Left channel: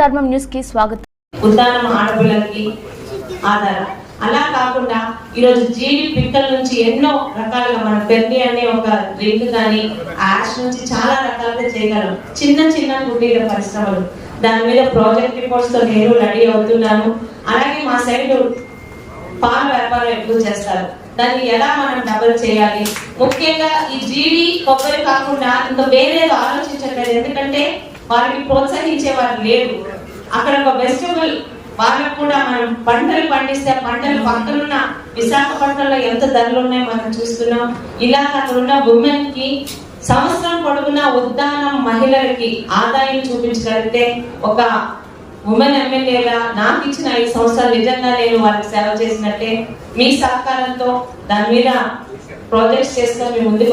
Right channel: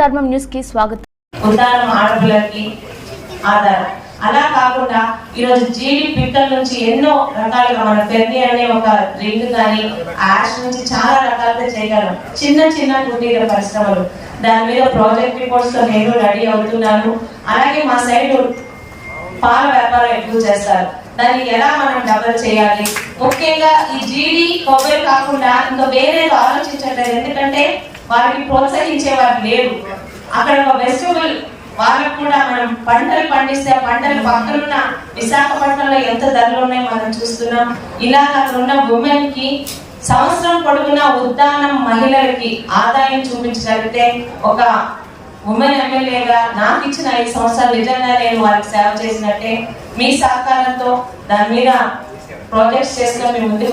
ధర్మం న్యూస్ కి స్వాగతం. ఉదాహరణ ఆడపిల్లకి ఆధారం. అలా కాకుండా ఈరోజు జీడి పిక్కల నుంచి ఎన్నో రకాలుగా మన పెద్ద అనే ఒక డ్రింక్ కానీ యాష్ నుంచి చాలా రకాలుగా చేయగలం. చిన్న చిన్న కుటీర పరిశ్రమలు, దాని మీద ప్రాజెక్ట్ రిపోర్ట్స్ తో నేను రెడీ అవుతున్నాను. అలాగే మా సైడ్ పాల వ్యాపారం ఎక్కువ చేస్తారు. దాన్ని ఎలా మనం డెవలప్ చేయాలి, ముఖ్యంగా ఈ జీడి కొబ్బరి కాకుండా ఇంకా వేరేది ఆలోచించట్లేదు. ఎందుకంటే వారికి ప్రోత్సహించే వారు లేరు. అక్కడ ఒక వెజిటబుల్ వాళ్ళకు కూడా మనం పంటలు పండిస్తే పంటలు పక్కనున్న విశాఖపట్నంలో ఎంత ధరలు ఉన్నాయో మనం చూస్తున్నాం. ఇలా అక్కడ ఉన్న ఉమెన్ కి సంవత్సరం పొడుగున ఉద్దానం మహిళలకి ఆదాయం చూపించగలిగితే ఒక ఉమెన్ ఎమ్మెల్యేగా నాకు ఇచ్చిన 5 సంవత్సరాలు నిజంగా నేను వారికి సేవ చేసినట్టే. మీ సహకారంతో దాని మీద ప్రాజెక్ట్స్ చేసిన మీ ముందు